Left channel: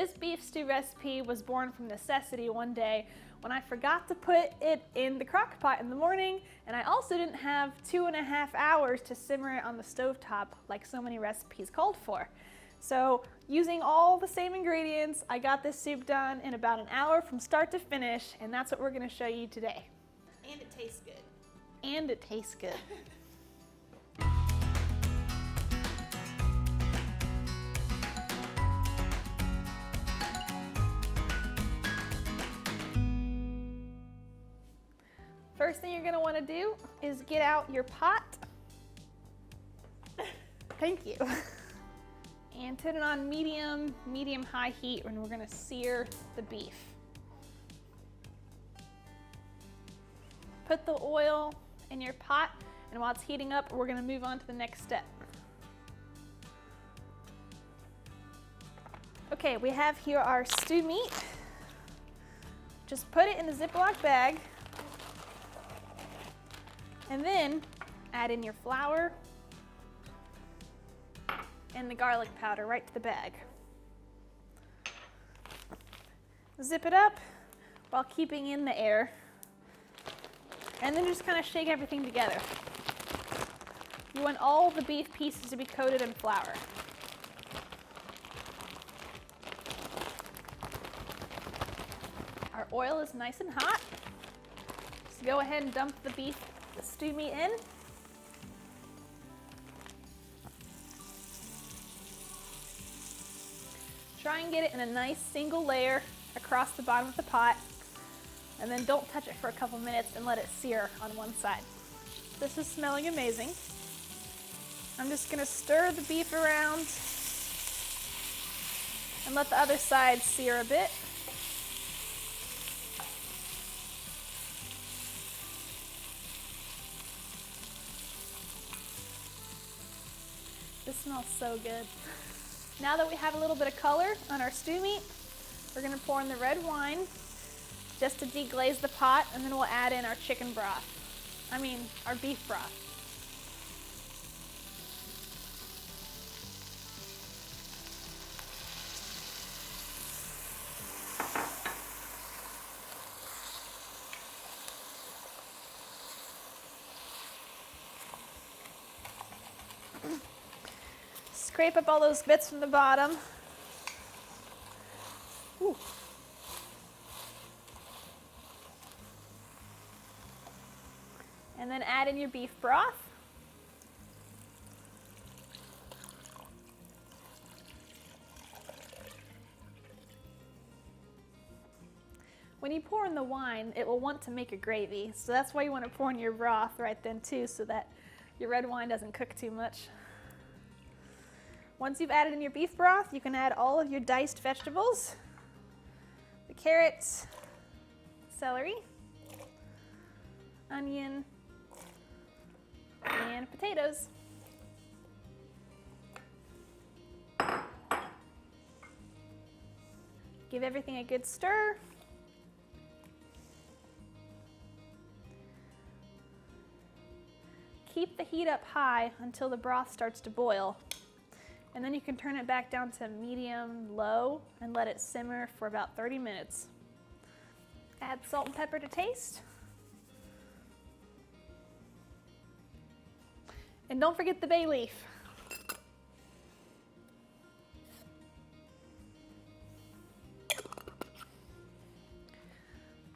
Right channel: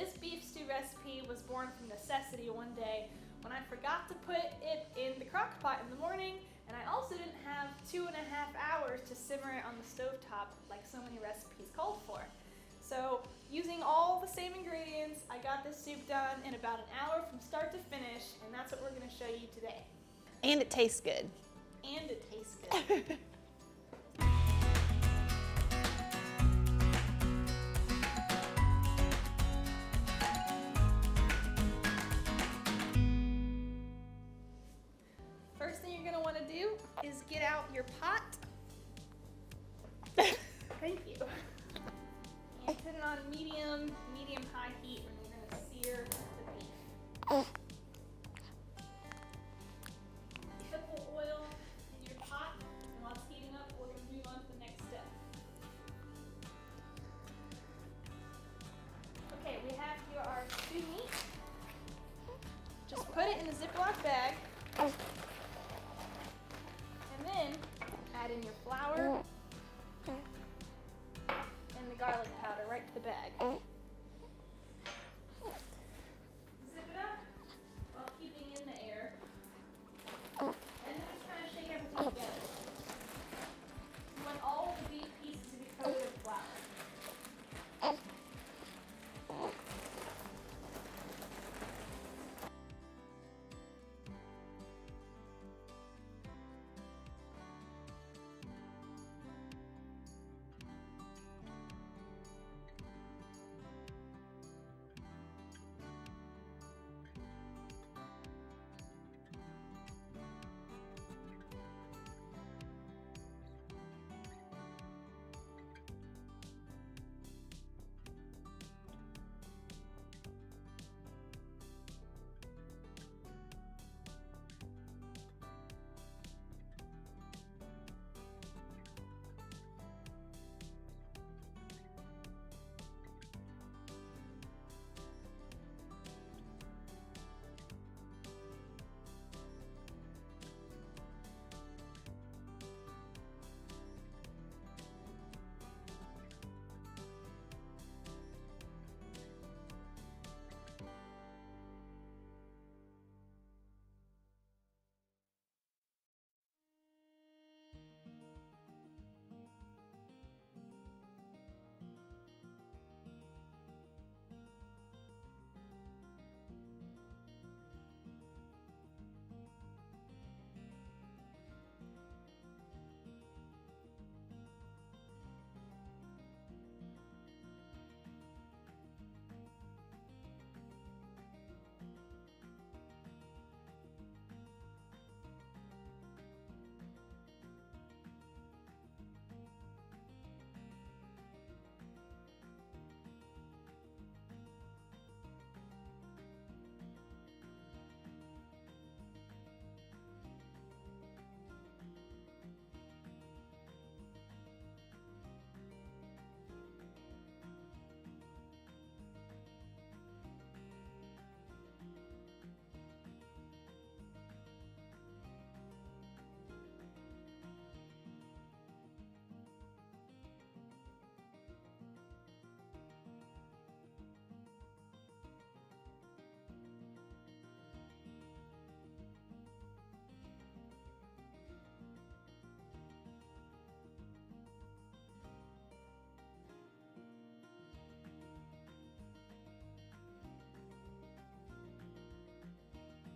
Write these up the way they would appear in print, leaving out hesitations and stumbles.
This beef stew recipe was born from necessity one day when I forgot to put it in the crock pot in the morning, and I also didn't have 2.5 hours to simmer it on the stovetop like so many recipes called for. So using all the same ingredients, I got this soup done in about an hour from start to finish, and that's what we're gonna show you today. And it tastes good. And it tastes good. First thing you're gonna wanna do is get out your pot. Thank you. And put it on medium-high heat when we're gonna sear the beef. Put the oil in your pot, and while it's heating up, we're gonna move on to the next step. Okay, we have here our stew meat. Just put it in a Ziploc bag, and then add in your flour and the garlic powder right to the bag. Zip it up while keeping in the air, and then just kind of shake everything together. You want all the beef pieces to be coated in flour. Our oil is nice and hot. So go ahead and dump the stew meat in. Try and get it in a nice single layer across the bottom of the pot, and then don't touch it for a couple minutes and let it sear on one side. This is smelling amazing. I'm just gonna stir the beef around and let the other side sear a bit. This smells so good. Now that we have a little bit of color on our stew meat, we're gonna pour in the red wine just to deglaze the pot, and then we'll add in our chicken broth. Our beef broth. Scrape up all those bits from the bottom. Ooh. And then add in your beef broth. When you pour in the wine, it will want to make a gravy, so that's why you want to pour in your broth right then too, so that your red wine doesn't cook too much. Once you've added in your beef broth, you can add all of your diced vegetables, the carrots, celery, onion, and potatoes. Give everything a good stir. Keep the heat up high until the broth starts to boil. And then you can turn it back down to medium-low and let it simmer for about 30 minutes. Add salt and pepper to taste. And don't forget the bay leaf.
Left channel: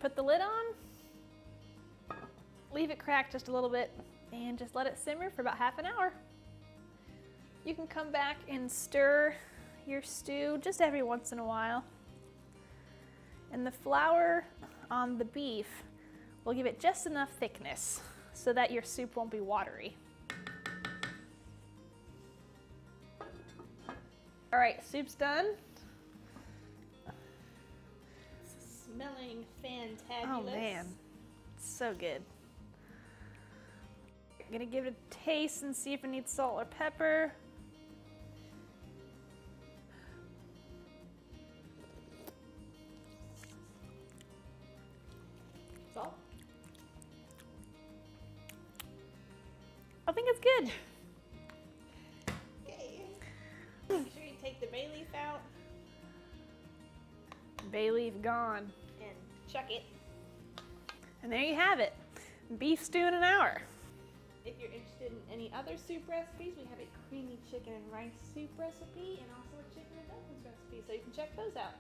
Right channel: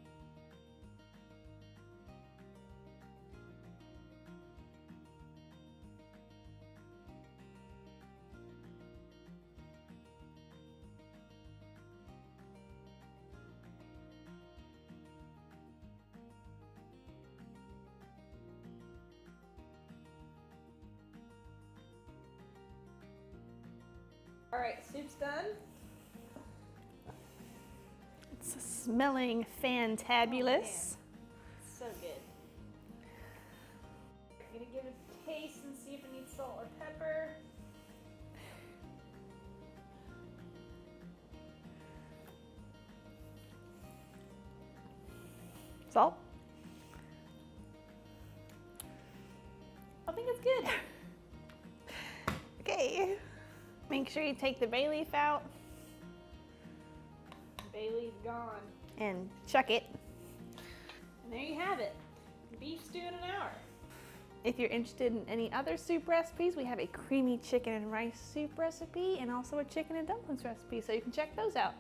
Put the lid on, leave it crack just a little bit, and just let it simmer for about half an hour. You can come back and stir your stew just every once in a while. And the flour on the beef will give it just enough thickness so that your soup won't be watery. All right, soup's done. It's smelling fantabulous. Oh, man. So good. I'm gonna give it a taste and see if it needs salt or pepper. Salt. I think it's good. Okay. Make sure you take the bay leaf out. Bay leaf gone. And chuck it. And there you have it. Beef stew in an hour. If you're interested in any other soup recipes, we have a creamy chicken and rice soup recipe and also a chicken and dumplings recipe, so you can check those out.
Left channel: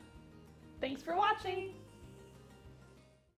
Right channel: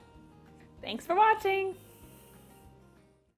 Thanks for watching.